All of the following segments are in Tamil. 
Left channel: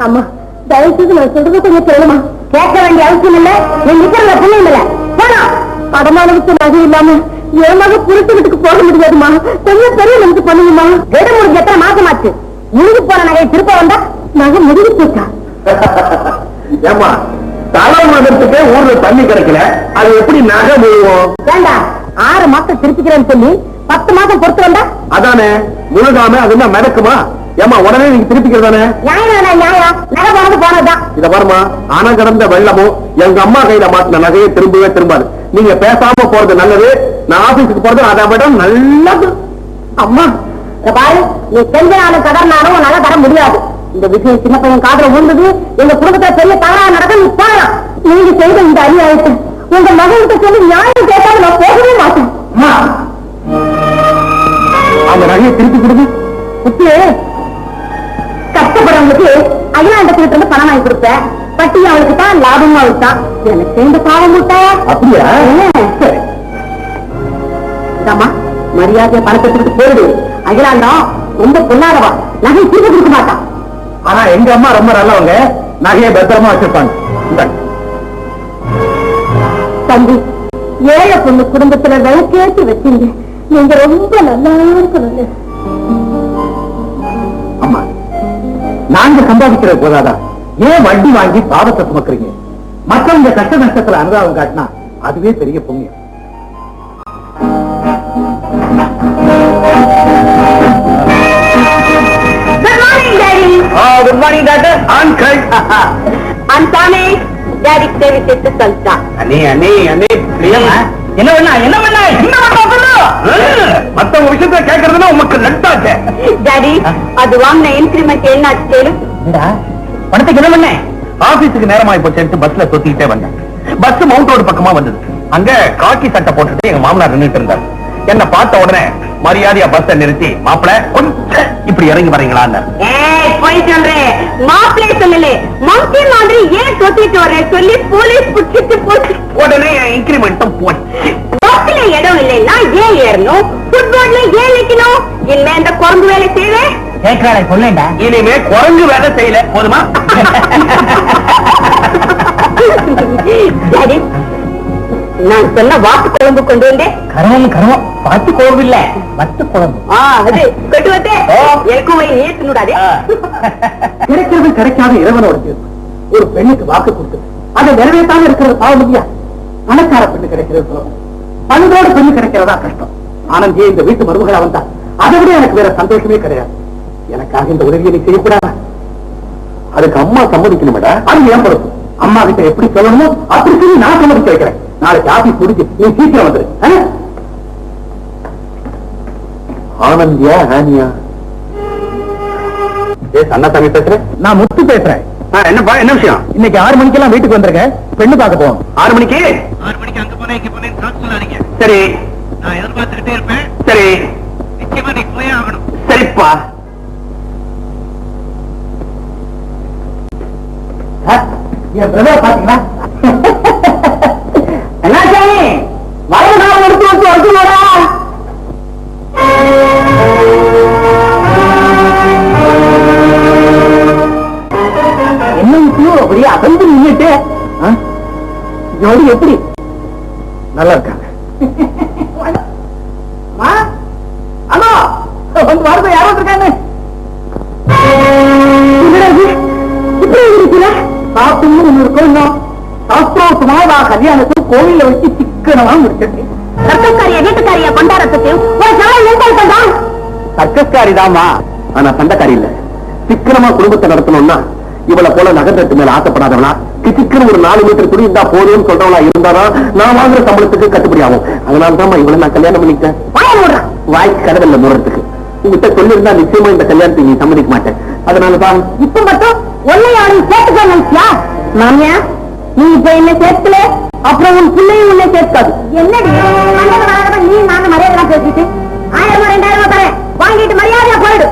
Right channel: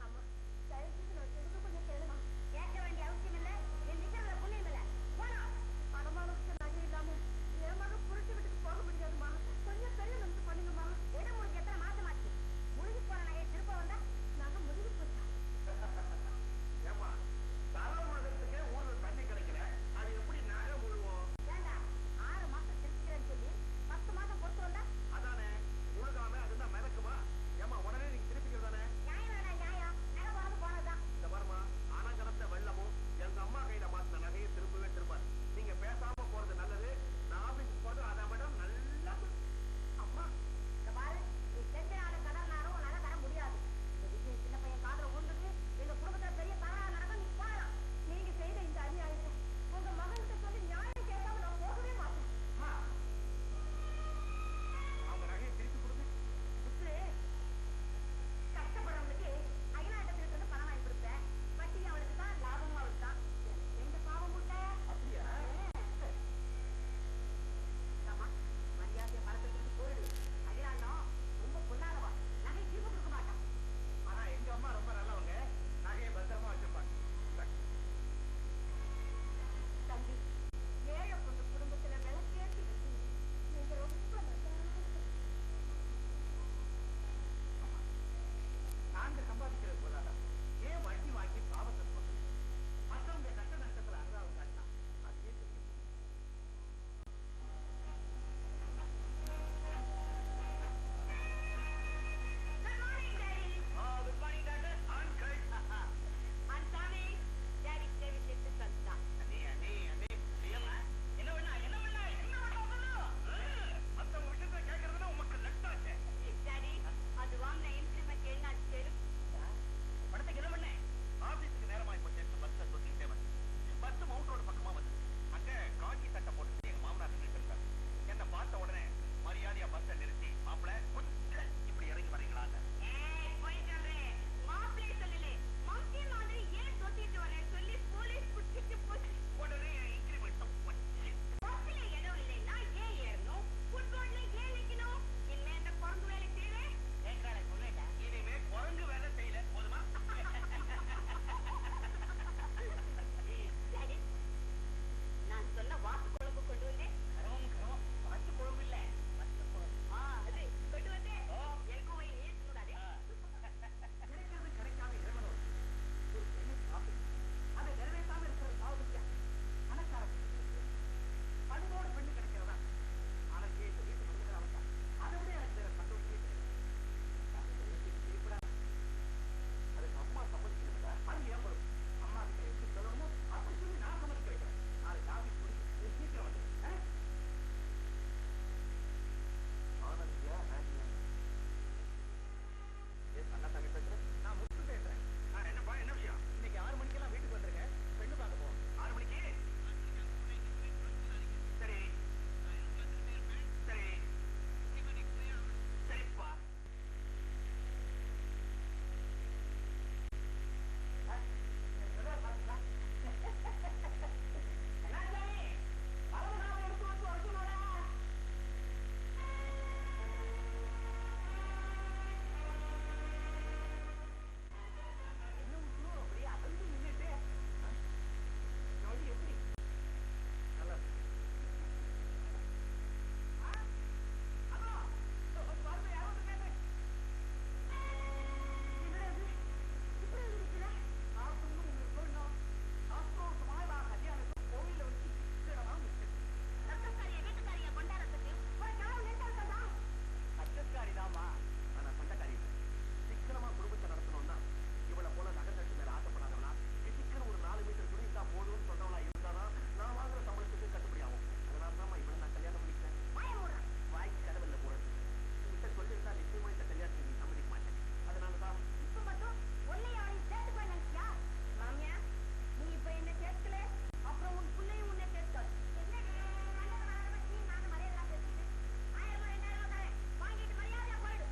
அம்மா தயவு செய்து நான் சொல்றது கொஞ்சம் கேளுமா? கேட்க வேண்டிய அவசியம் இல்ல. என் நிக்கிறத புண்ணியம் இல்ல. போனா படமானவுக்கு நகை இல்லாம என் மக புரிட்டு வீட்டுக்கு போக முடியாதுமா? கொஞ்சம் பெரிய நமக்கு பண்ணுங்கம்மா. விட முடிஞ்ச எத்தனை மாசமாச்சு முழுகு போன நகை திருப்ப வந்தா நகை முடிவு போச்சா? ஏமா தலை மதத்துக்கே ஊர்ல தண்ணி கிடைக்கல. அது எப்படி நகை முழுவோம் வேண்டாம் ஆறு மாசம் திருப்பிக்கிறேன்னு சொல்லி பத்து மாசம் பொறுத்து வந்தா? அதானே முழுகாம அது என்ன மிதக்குமா ஏமா உடனே நீங்க திருப்பிக்கிறதானே? இத பாருமா ஆனா கடந்த வெள்ளமும் எங்க அம்மா கையில மாட்டின நகையை திரும்பவே திரும்பாது. நீங்க பேசாம போறது நல்லது நான் ஆபீஸுக்கு போறது அதை விட நல்லது. அம்மா. பாரு நீ கடனாலும் உன்னால தர முடியாது. இந்த விஷயம் சின்ன பையன் காதுல விழுந்தது எங்க குடும்பத்துல பெரிய தவறா நடக்க நீ போகலாம். நீங்க செய்த இந்த அநியாயத்தை உங்க மகன்கிட்ட சொல்லி நியாயம் கேட்டாலும் நான் போகவே மாட்டேன். அந்த நகையை திருப்பி கொடுங்க. குட்டி கஷ்டப்படுறவங்களுக்கு அகிலாண்டத்துல இருந்து பணம் வாங்கி கொடுப்பேன் பட்டி அவளுக்கு தான் லாபமும் அவளுக்கு தான் எனக்கு இந்த பாவம் முட்டை. அப்படியா? சரி இதாம்மா மரியாதையை பணத்தை கொடுத்து போயிடு. அகிலாண்டம் ரொம்ப பொல்லாதவா? நகை திருப்பி கொடுக்க மாட்டான் ஆனா எங்க அம்மா ரொம்ப நல்லவங்க. நகையை பத்திரமா வச்சிருப்பாங்க. தம்பி ஏழை பொண்ணு குடும்பத்துல விளக்கேற்றி வச்சீங்க. நீங்க ரொம்ப நல்லா இருக்கணுங்க நாங்க சம்பாதிக்கிறது போதாதா? ஏன் வட்டி வாங்கி பாவத்தை சுமக்குறீங்க? மற்றவங்க கஷ்ட நஷ்டத்துல அனுதாபம் காட்டினா அதுவே பெரிய புண்ணியம். Good morning daddy good morning doctor ஆண்கள் அந்தானே டாடி தேவி சேர்த்து சொல்லிட்டா அண்ணே அண்ணே அண்ணே. பிரியமா? என்ன பண்ணா என்ன பண்ணா என்ன பண்ணா மத்தவங்க விஷயத்த கேக்குறதுன்னா உமக்கு நட்டாச்சே டாடி அது வாங்கின இன்கிரிமெண்ட் என்னாச்சு கேளு. பணத்துக்கு என்ன பண்ண? ஆபீஸுக்கு நேரமாயி போச்சு பஸ்ல தொத்திக்கிட்டே வந்தேன். பஸ் மவுண்ட் ரோடு பக்கமா வந்தது. அங்க காக்கி சட்டை போட்டுட்டு எங்க மாமனார் நின்னுட்டு இருந்தார். என்ன பார்த்த உடனே மரியாதையா பஸ்ஸ நிறுத்தி மாப்பிள கொஞ்சம் இப்படி இறங்கி வரீங்களான்னு ஏய் போய் சொல்றேன் மாப்பிள்ளை சொல்லல. மம்சி மாதிரி ஏன் தொத்திட்டு வர்றேன் சொல்லி போலீஸ் புடிச்சிட்டு போச்சு. உடனே இன்கிரிமெண்ட்டும் போச்சு. பஸ்ல இடம் இல்லைன்னா ஏன் ஏறணும்? ஃபுட்போர்ட்ல ஏன் நிக்கணும்? இனிமே இந்த குரங்கு வேலை செய்வேன் கேட்கறாளை சொல்லேண்டா. இனிமே குரங்கு வேலை செய்யல போதுமா? நான் சொன்ன வாத்து குழம்பு கொண்டு வந்தேன். கருவம் கருவம் பத்து குழம்பு இல்ல பத்து குழம்பு. அது கொண்டு வந்தேன் எனக்கும் போய் ஏத்துனுடாதே கிடைக்கிறது கிடைக்காத இறைவனோட தீர்ப்பு. ஒரு பெண்ணுக்கு வாக்கு கொடுத்து அதை நிறைவேற்றாம இருக்கிறது பாவம் இல்லையா? பணக்கார பெண்ணு கிடைக்கிறது சுலபம் பணத்தோட பெண்ணு கிடைக்கிறதா கஷ்டம். ஆனந்தியே இந்த வீட்டு மருமகளா வந்தா அதை விட எனக்கு வேற சந்தோஷமே கிடையாது. எனக்காக இந்த உதவியை நீ செய்யக்கூடாதா? அதுக்கு அம்மா சம்மதிக்கணும் அது ஏன் பொறுப்பு அம்மா கிட்ட எப்படி சொல்லணுமோ அப்படி சொல்லி நான் சம்மதிக்க வைக்கிறேன். நாளைக்கு ஆபீஸ் முடிஞ்சு நீ சீக்கிரம் வந்துரு? ஆனந்தியா ஹானியா. அண்ணாசாமி பேசுறேன் நான் முத்து பேசுறேன். என்னப்பா என்ன விஷயம்? இன்னைக்கு ஆறு மணிக்கெல்லாம் வீட்டுக்கு வந்திருக்கேன். பெண்ணு பார்க்க போவோம். ஆறு மணிக்கு? ஆறு மணிக்கு அங்க போனேன் இங்க போனேன் சொல்லாதீங்க. சரி. நான் எதிர்பார்த்துக்கிட்டே இருப்பேன். சரி. நிச்சயமா நீ போயே ஆகணும். சரிப்பா. என் பிரதர் பாத்தீங்களா ஆ? ஜோடி எப்படி? நல்லா இருக்காங்க வந்து சாப்பிட்டு ஒண்ணு இருக்கும் இன்னும் நான் கல்யாணத்துக்கு கோவில்ல வச்சு சிக்கனமா முடிச்சிருக்கேன் ரத்தக்காரிய வீட்டுக்காரிய கொண்டாடத்துக்கு ஒரு நாள் சர்க்கஸ்காரி தாமா ஆனா சண்டைக்காரி இல்ல. சிக்கனமா குடும்பத்தை நடத்தணும்னா இவளை போல நகரத்து மேல ஆசைப்படாதவனா? கிச்சிக்கன்னு ஒரு நாலு மீட்டர் துணி இருந்தா போதும்னு சொல்றவளா இருந்தாதான் நான் வாங்குற சம்பளத்துக்கு கட்டுப்படி ஆகும். அதனால தான் இவளை நான் கல்யாணம் பண்ணிட்டேன் வாய்க்கு கடவுள்ல மூடுறதுக்கு. உங்ககிட்ட சொல்லியிருந்தா நிச்சயமா இந்த கல்யாணத்துக்கு நீ சம்மதிக்க மாட்டேன். அதனாலதான் இப்ப மட்டும் ஒன்னை யாரும் சேர்த்துக்க நினைச்சியா? மாமியா நீ இப்ப என்ன சேர்க்கல? அப்புறம் உன் பிள்ளையும் உன்னை சேர்க்காது. என்னடி? நீ நாங்க மரியாதை பேசிட்டு? ஆயிரம் ரெண்டாயிரம் தரேன். வாங்கிட்டு மரியாதையா போயிடு.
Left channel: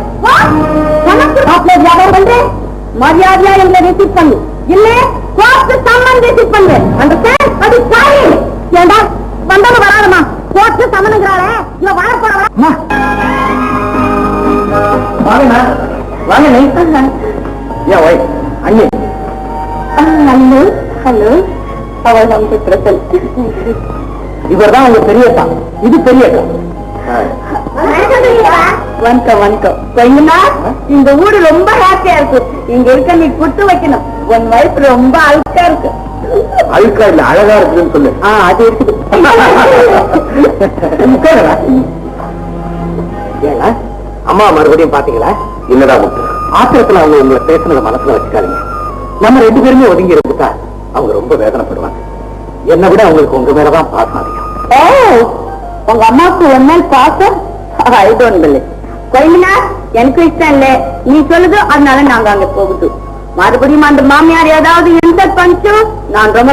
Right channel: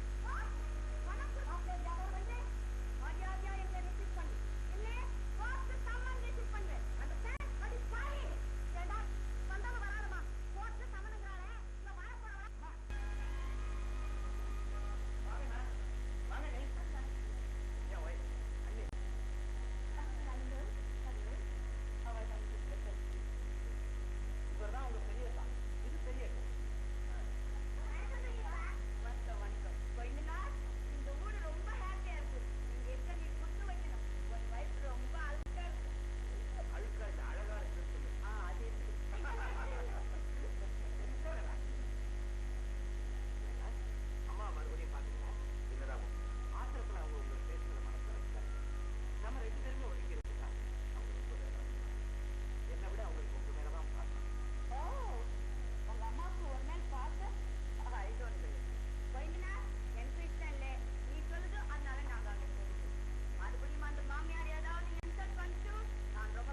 மரியாதையா எங்களை ரிசீவ் பண்ணு இல்ல? கோர்ட்டு சம்மன் ரிசீவ் பண்ணு. அந்த அது சாரி. ஏண்டா வந்தாலும் வராதமா கோர்ட்டு சம்மனுங்கிறாளே இவ அம்மா. வாங்கண்ணா வாங்க நீ. ஏன் ஒய் அண்ணே. Hello hello. அவள் வந்து பிரசன்ட் இவர்தான் உங்க பெரியப்பா. இது பெரியப்பா. வணக்கம் வணக்கம். கொஞ்சமா இந்த ஊரு ரொம்ப ஹாப்பியா இருக்கு இங்க இருக்க நீ குட்டு வைக்கணும். உன் வயசு ரொம்ப அழுக்கா இருக்கு. அழுக்கா இல்ல அழகா இருக்குதுன்னு சொல்லு. ஆ அது இருக்குது. அம்மா மறுபடியும் பாத்தீங்களா? இல்லடா முத்து? ஆத்திரத்துல அவங்க உங்களை பேசுனத மனசுல வச்சுக்காதீங்க. நம்ம ரெண்டு பேருமே ஒதுங்கி இருந்துட்டா அவங்க ரொம்ப வேதனைப்படுவாங்க. என்னை விட அவங்களுக்கு உங்க மேலதான் பாசம் அதிகம். ஓ உங்க அம்மாவுக்கு ஒரு நாள் பாசம்? ஐ டோன்ட் பிலீவ் கோயிலா எனக்கு இஷ்டம் இல்ல. நீ சொல்லுது அதனால நாங்க அங்க போகுது. மறுபடியும் அந்த மாமியார் ஏதாவது இன்சல்ட் பண்ணிச்சோம் நான் ரொம்ப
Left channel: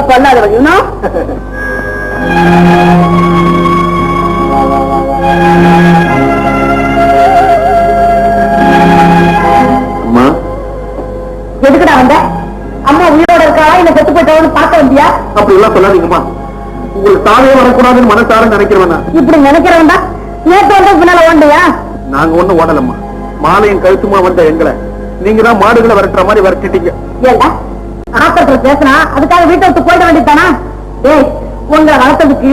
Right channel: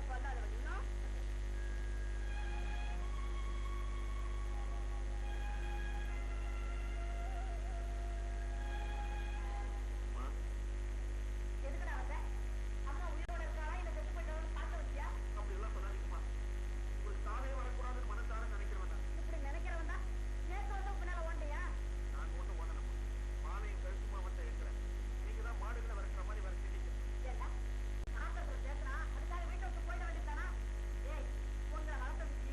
அம்மா. எதுக்குடா வந்த? அம்மா உயிரோட இருக்காளா? இல்ல செத்து போயிட்டவனு பார்க்க வந்தியா? அப்படி எல்லாம் சொல்லாதீங்கம்மா. உங்களுக்கு தாவே வரக்கூடாதுன்னு மனசார நினைக்கிறவனா? இப்படி நினைக்கிறவன்டா? நேற்று வந்து பின்னால ஓண்டியா நாங்க ஒண்ணும் ஓடலம்மா. மாலையும் கழுத்துமா வந்த எங்களை. நீங்க தான் மாடுகளை விரட்டுற மாதிரி விரட்டிட்டீங்க. ஏண்டா? ஆத்திரத்துல பேசினா அதுக்காக வீட்டை விட்டு போயிட வேண்டியதானா ஏய் உங்களை வளர்த்ததுக்கு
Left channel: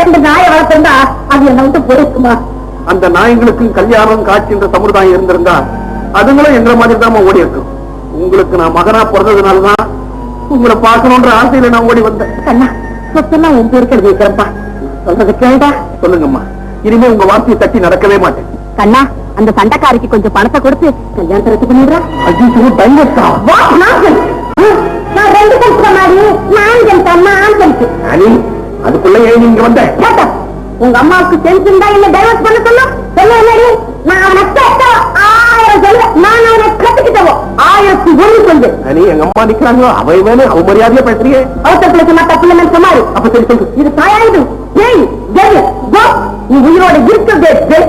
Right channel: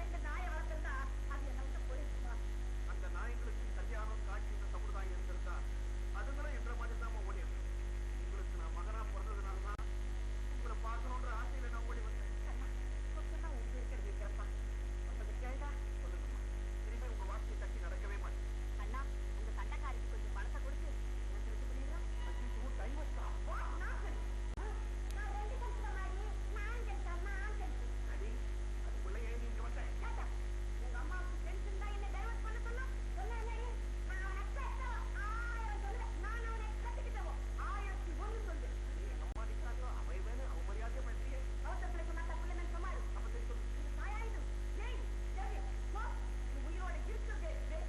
ரெண்டு நாயை வளர்த்திருந்தா அது என்ன விட்டு போயிருக்குமா? அந்த நாய்களுக்கும் கல்யாணம் காட்சின்ற சமுதாயம் இருந்திருந்தா அதுங்களும் எங்களை மாதிரி தான் ஓடி இருக்கும். உங்களுக்கு நான் மகனா பிறந்ததுனாலதான் உங்களை பார்க்கணுன்ற ஆசையில நான் ஓடி வந்தேன். கண்ணா சொத்தெல்லாம் உன் பேருக்கு எழுதி வைக்கிறப்பா சொல்றது கேட்டா சொல்லுங்கம்மா. இனிமே உங்க வார்த்தையை தட்டி நடக்கவே மாட்டேன். கண்ணா அந்த சண்டைக்காரிக்கு கொஞ்சம் பணத்தை கொடுத்து கல்யாணத்தை ரத்து பண்ணிடுறா ஐயோ டைவர்ஸா? வாட் நான்சென்ஸ் நான் ரெண்டு கல்சுற மாதிரி நான் ஜென்டா நான் ஜென்ட் அனி அதுக்குள்ள ஏன் நீங்க வந்த? கேட்டா உங்க அம்மாவுக்கு சென்ஸ் இருந்தா இல்ல டைவர்ஸ் பண்ண சொல்லும் சொல்ல என்னடி? நான் அவனை கேட்டா ஆயிரம் சொல்ல. நான் அவனை கத்துக்கிட்டவோ ஆயிரத்தி ஒண்ணு சொல்லு. அனி எங்க அம்மா நிக்கிறாங்களோ? அவை மேல அவமரியாதையா பேசுறீங்க அவசரத்துல சொன்னா தப்பு இல்லைன்னு சொன்னாரு. அப்ப சரி சொல்லு. இது தாயாயுது ஏய் ஜெய் கோ நீ உயிரோட இருக்கிறதே ஜெய்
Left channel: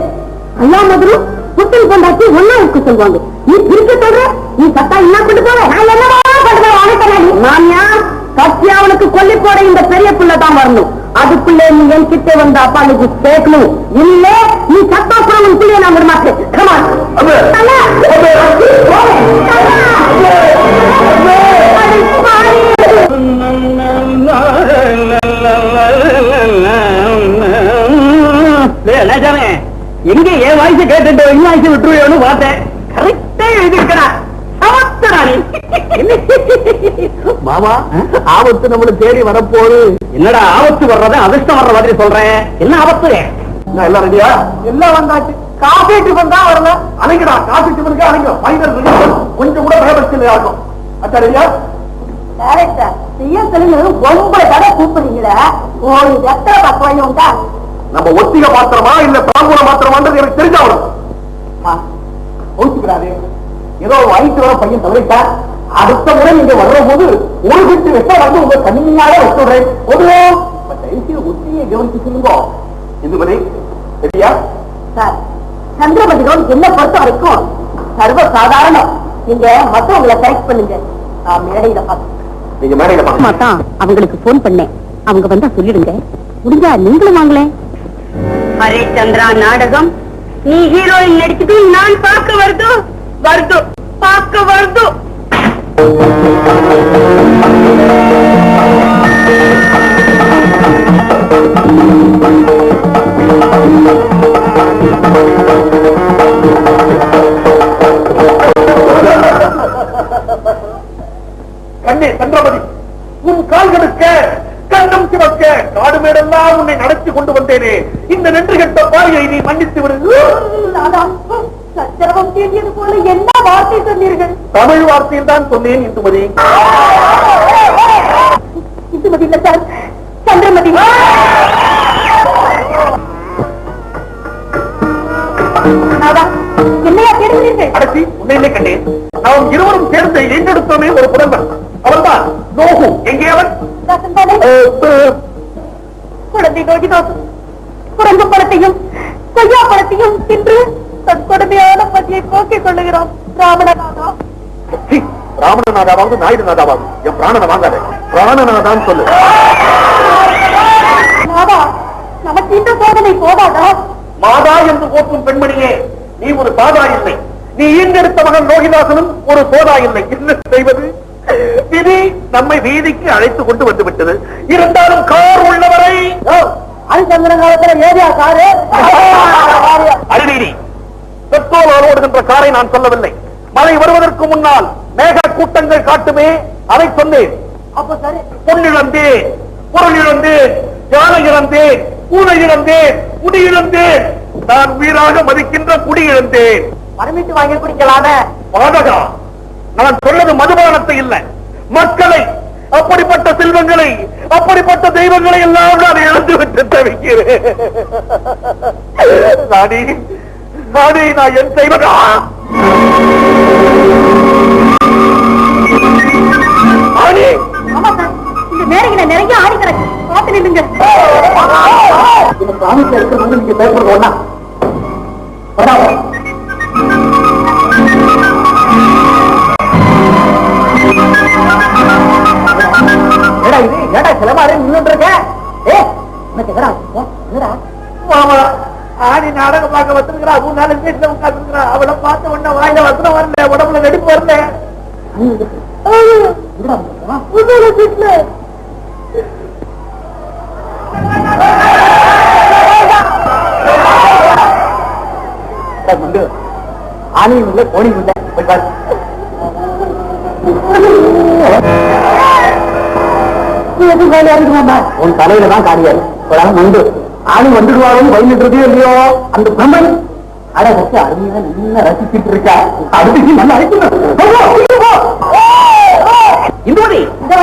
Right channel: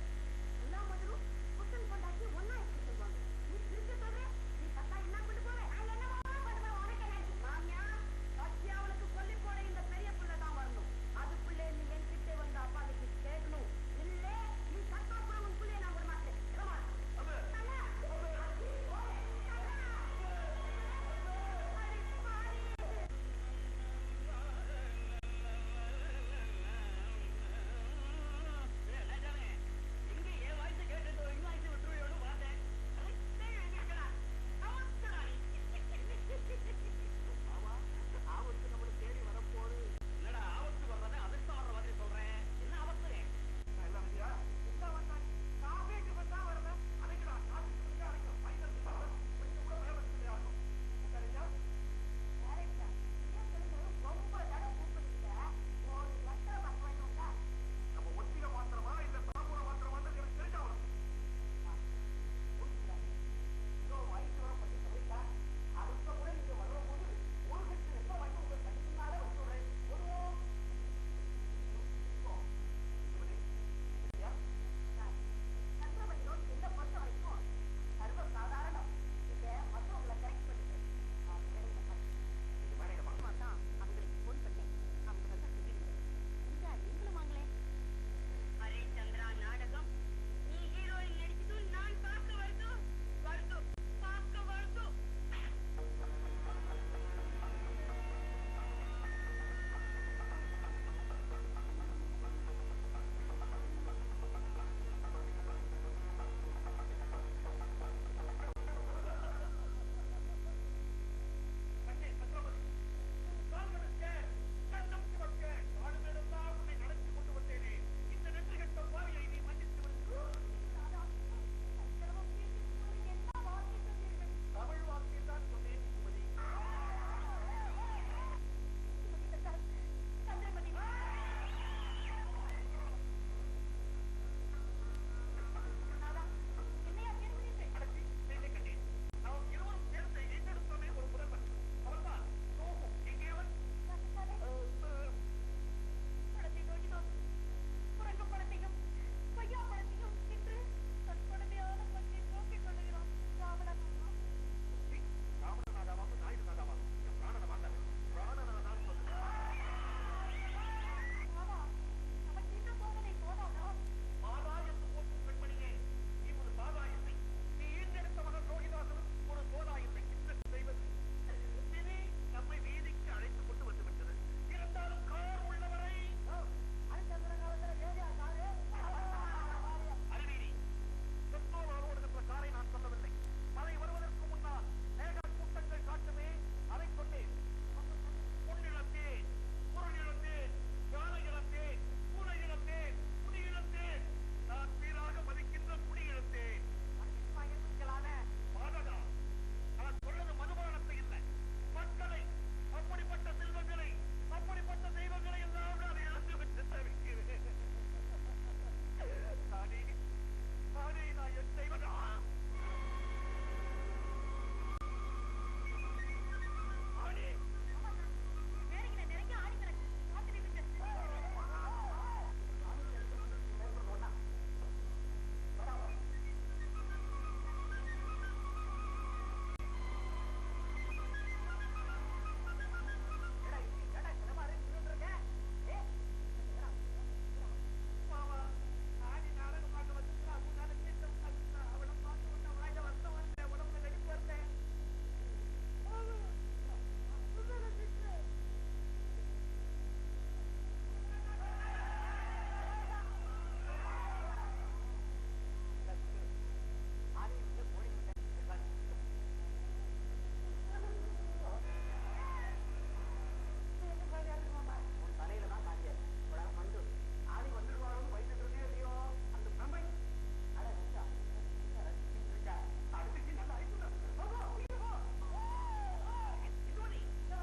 ஐயா மதுரு புத்தல் கொண்டாச்சு ஒன்னா இருக்க சொல்லுவாங்க. நீ இருக்க சொல்ற நீ சத்தா என்ன கொண்டு போவ நான் என்னவா பண்ணுவேன் அனுப்பி மாமியா சத்தியா அவனுக்கு கொல்லி போட இந்த பெரிய பிள்ளை தான் வரணும். அதுக்குள்ளே நீ என் கிட்டே வந்த அப்பாளுக்கு கேட்கணும். இல்ல நீ சத்தா பிள்ளைய நான் விட மாட்டேன் கமா எங்க என் வாய்ஸ் கேட்டுட்டு என் வாய்ஸ் விட்டுருவோன்னு பார்த்தேன். கரெக்டா நீ மாமா ஆபத்து நம்மள தேடி வரப்போகுது. என்னடா ஆபத்து வர்றத அதிர்ஷ்டம் வர்ற மாதிரி சொல்றேன். என்ன ஆபத்து? நான் எல்லாம் ரெடியா? எல்லாம் வந்தாச்சு. காஃபி டிஃபன் தான் வரணும். அணைங்கடா காசு டிஃபனுக்கு அணைங்க ஃபைனல் கொஞ்சம் கூட பயபடுத்தல ஆகும் அச்சா ரெடியா? டேரக்டர் செய்ய சொல்லுங்க. ஒன்பது தடவை கூப்பிடுறீங்களே. ஒரு எத்தனை பக்கம் உண்டா? நம்ம ஒத்திக பாத்திரமா இல்ல தாம்பூல மாத்திரமான்றது எனக்கு கோச்சுக்கிறாரு ஏதோ வயிற்று வர பையன் தவறிட்டா அடுத்த முறை நீங்க வர்ற போது ஒரு வீட்டு வெட்ட வந்து உங்க கண்ணியால வச்சுடுறேன். பொதுவோ தயவுசெய்து ஒத்தியை கவனிச்சு சொல்லுங்க. இதுபடி சரியா? சார் சந்திரபதிகம் என்ன பொறுத்த வரைக்கும் சர்வ சாதாரணம் நீங்க மத்தவங்களை செலக்ட் பண்ணுங்க. மேடையில பார்த்து நீங்க மேடையில பாருங்க தான் அவங்களுக்கு போன் பண்ணேன். அவங்க வந்தா சொல்லிடுங்க. முடிஞ்சா நீங்களும் வாங்களேன். ஹரிச்சந்திரா நாடகம். நீ ஹீரோயின் நடிச்சுட்டு நான் பார்க்க வருது. வருது. பார்க்க வருது. தமிழ் வார்த்தையில் தான் சொன்னேன் இந்துமதி. இந்துமதி இல்ல சார். சந்திரமதி. நாதா, என்னையா தேடுகிறீர்கள்? அடச்சி உன்னை கண்டேன். நாம் இருவரும் சேர்ந்து எங்கெடுத்தோமே ஒரு புலம்பன் நோகு. எங்கே அவன்? குழந்தை நோக்கி தோசம் குரங்கு பழத்தையும் கொய்யா பழத்தையும் தின்று தன் கொடுமையான பசியை போக்கிக் கொள்ளுகிறோம் ராவணநாதா ராவணநாதா வாங்க நாயுடு நாதா வாங்க என் பிராணனை வாங்காத. பிராணநாதான் சொல்லு. நமக்கு இந்த சோதனை போதாதா? மாதா என்று போற்றும் பெண்மணியே நீ ஒரு சாதா இல்லை. நீ ஈண்டெடுத்த மகன் லோகிதாசனும் ஒரு சோதா இல்லை. என்ன செய்வது? நம்மை வீதிக்கு அழைத்து கொண்டு வந்து விட்டது இருந்தாலும் கார் உள்ளவரை ஹரிச்சந்திரன் காலத்துல ஏரியா காரு. அறிவீரி பெட்ரோல் ஓடுகின்ற காரை நான் சொல்லவில்லை. மழை வருவதற்கு முன்னால் மேக கூட்டங்கள் காட்டுமே அதை சொன்னேன். அப்ப சரி. பொன் இழந்தேன் பொருள் இழந்தேன் யானை இழந்தேன் பூனை இழந்தேன் குடி இழந்தேன் நான் உயிராக மதிக்கின்ற குடி இழந்தேன் பர்மிட் வாங்கி குடிக்கலாமே. பாதகா நான் சொன்னது மதுபானத்தை இல்ல. மக்களை அப்படிப்பட்ட செல்வங்களை அப்படிப்பட்ட தெய்வங்களை எல்லாம் நான் இழந்து விட்டு தவிக்கிறேன். நான் என் செய்வதா இந்த நேரங்களை நிறைய ஆடி கிடக்கு. பார்த்து நில்லுங்க. சாமிக்கு எடுத்து நீங்க ஒண்ணா. ஏடா இது? ஏடா சிலமாரி நின்னுட்டு இருக்க? ஏ உனக்கு எங்கடா போ, மாமா நாடகம் பார்க்க வந்திருக்கிறா. மூணு நாலு வீட்டுல உட்காந்துருக்கிறா அவளை பார்த்த உடனே வாயில வசனம் வரல உடம்புல நடிப்பு வரல. எங்கடா போறா? இல்லை கோணியும் இல்லை போய் பாரு எதுவும் காலியா இருக்குமாமா உன் தலையில தான் ஆணி வந்துடுவாருன்னு பயந்துட்டு இல்லையோ அந்த பிரம்மன் அட வச்சு அருமையா நல்லா ரசிச்சுட்டு இருக்கா அடுத்து நல்லா இந்துமதி இந்த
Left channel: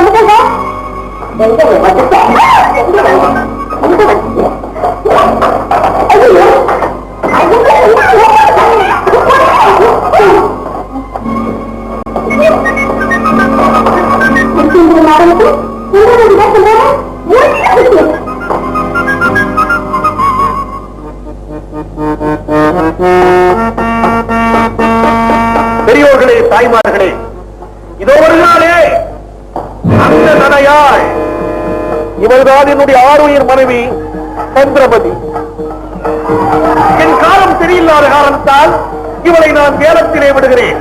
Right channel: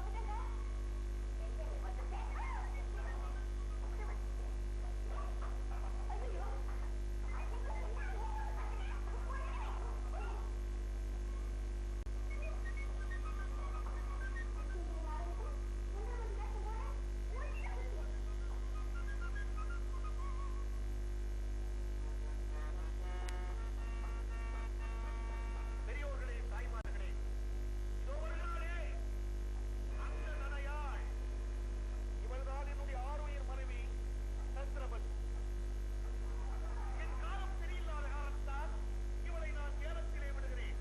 பெரியோர்களே தாய்மார்களே இதோ வருகிறாளே அந்த நடையாள் இவள்தான் என்னுடைய ஆறுயிர் மனைவி சந்திரமதி என் காலம் சரியில்லாத காரணத்தால் இவளை நான் வேலத்திலே விடுகிறேன்.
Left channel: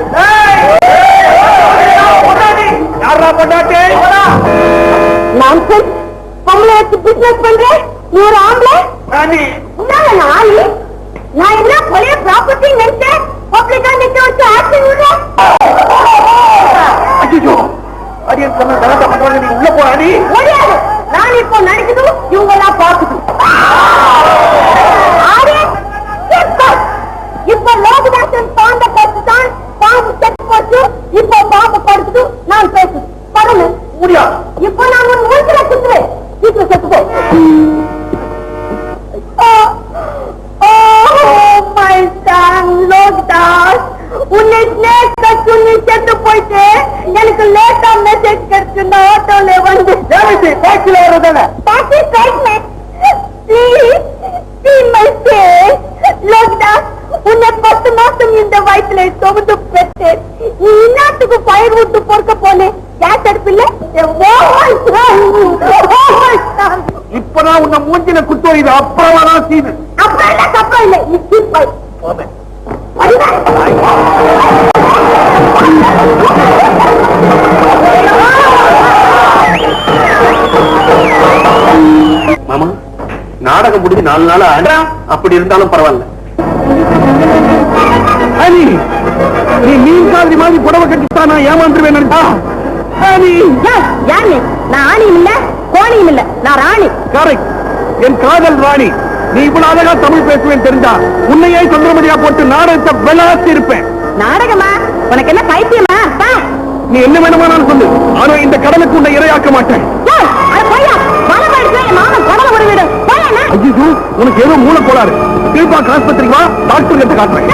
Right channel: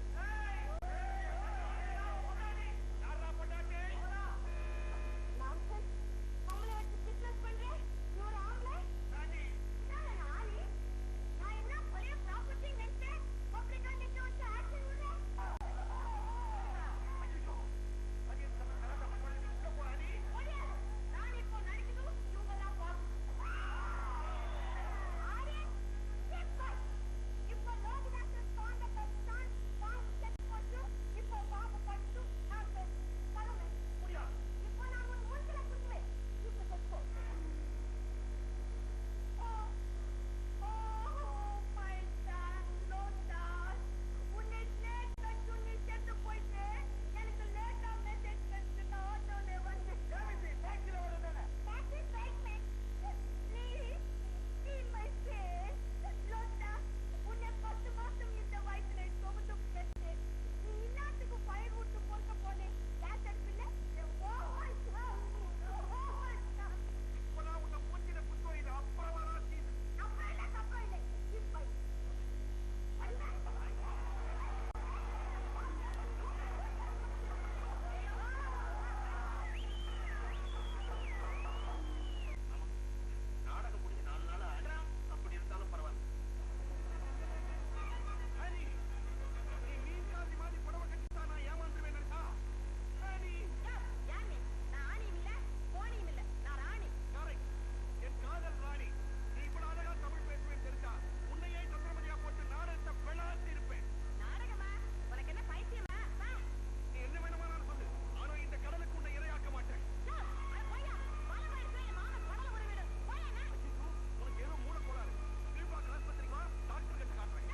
நான் என்ன பழைய ப்ராப்பர்ட்டி நினைச்சேன்? பப்ளிக்கா நிக்க வச்சு ஆக்ஷன் விடுறேன் அய்யோ அடியன் சொன்ன உள்ள போறாடி முடியாது நான் இப்போ நடிக்குது இவங்க எல்லாம் பார்க்குது இப்ப லோகதாசன் பாம்ப படுத்துதான் பாம்பு செத்து போச்சு இப்போ பாம்பு படுத்துது நான் பேசுது. படல முடியாது. இப்போ நான் ஒரு மூச்சுல குத்துறேன். சீக்கிரம் செத்து போ மெசேஜ் கிடைச்சு ஆட்டோல வந்து டாக்ஸில. உன்னை பத்து மாசம் இந்த வயிற்றுல சுமந்து பெற்று நீ இன்னாத்துக்கு பயிர் விட்டு பொறுக்க போனேன் கேஸ் அடுப்பில்ல இப்பதான் உன்னை மூஞ்சில குத்து இது அப்புறமா தான் சீனு. அப்புறம் இல்ல அப்புறம் இல்ல? நீ சீப்பாய் நாடகம் முடிஞ்சு நாலு நாள் ஆடா அப்படி இருந்தாலும் பரவாயில்ல. அனி நீ மீன் காதலி மாதிரி புடவை கட்டித்தான் நான் ஏமாந்துருவேன் அனி. யார் நான் ஆணியும் இல்ல கோணியும் இல்ல நான் ராணி. கரெக்ட். என் காதல் ராணி. நீ இவ்வளவு அழகா தமிழ் பேசுவேன் தெரிஞ்சா உன்னையே சந்திரமதியா போட்டு நாடகத்தை விளாசி இருப்பேன் நாடகமா? உனக்கு என்ன பைத்தியமா? பா. நீ என்ன வேணுமானாலும் சொல்லு. ஆனா இந்த கடலுக்கு உன்னை இரையாக்க மாட்டேன். ஐயோ உனக்கு ஏதோ மூளை கோளாறு திருப்பா ஆஸ்பத்திரிக்கு வா டாக்டர் கிட்ட காட்டுறேன்.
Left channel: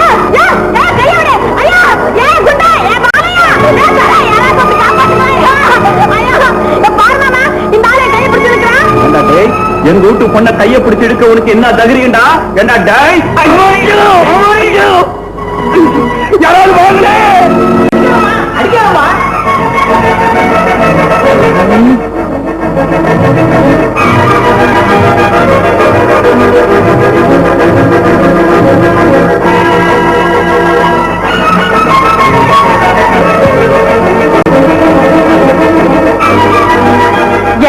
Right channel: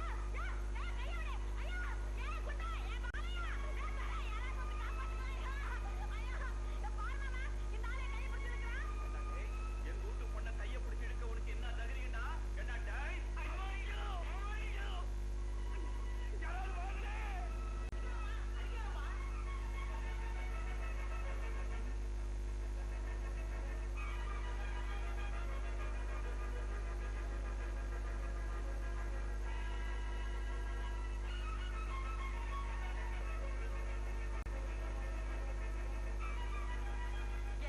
எங்க வீட்டு பொண்ண கைய பிடிச்சு எடுக்க உனக்கு என்ன டேய்? ஐயோ, ஐயோ. யாராவது வாங்களே.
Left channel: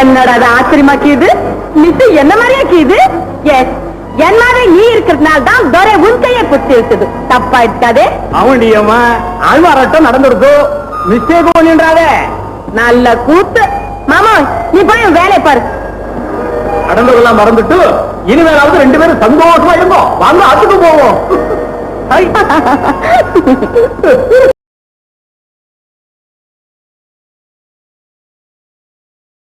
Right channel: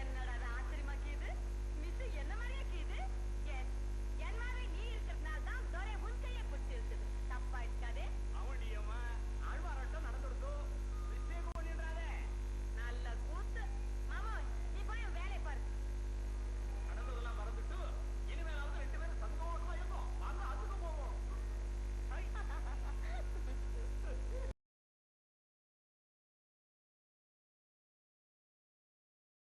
என்னடா அது ஆச்சரியமாக்கிது மிஸ் என்ன மாதிரியா கீது? எஸ் என் மாதிரி நீ இருக்கிறதுனால தான் துரை உன் கையை பிடிச்சி இருக்குது. தப்பா இருக்காதே அவண்டியம்மா ஆழ்வாராட்டம் நடந்துருக்கோ? மிஸ்டேக் பண்ணின்றாதே நல்ல கூத்து. மாமா நீ போய் வேலையை பாரு. கடந்ததெல்லாம் மறந்துட்டு இனிமேலாவது ரெண்டு பேரும் சந்தோஷமா இருந்தோம் வாங்க அதுக்கு போவோம்.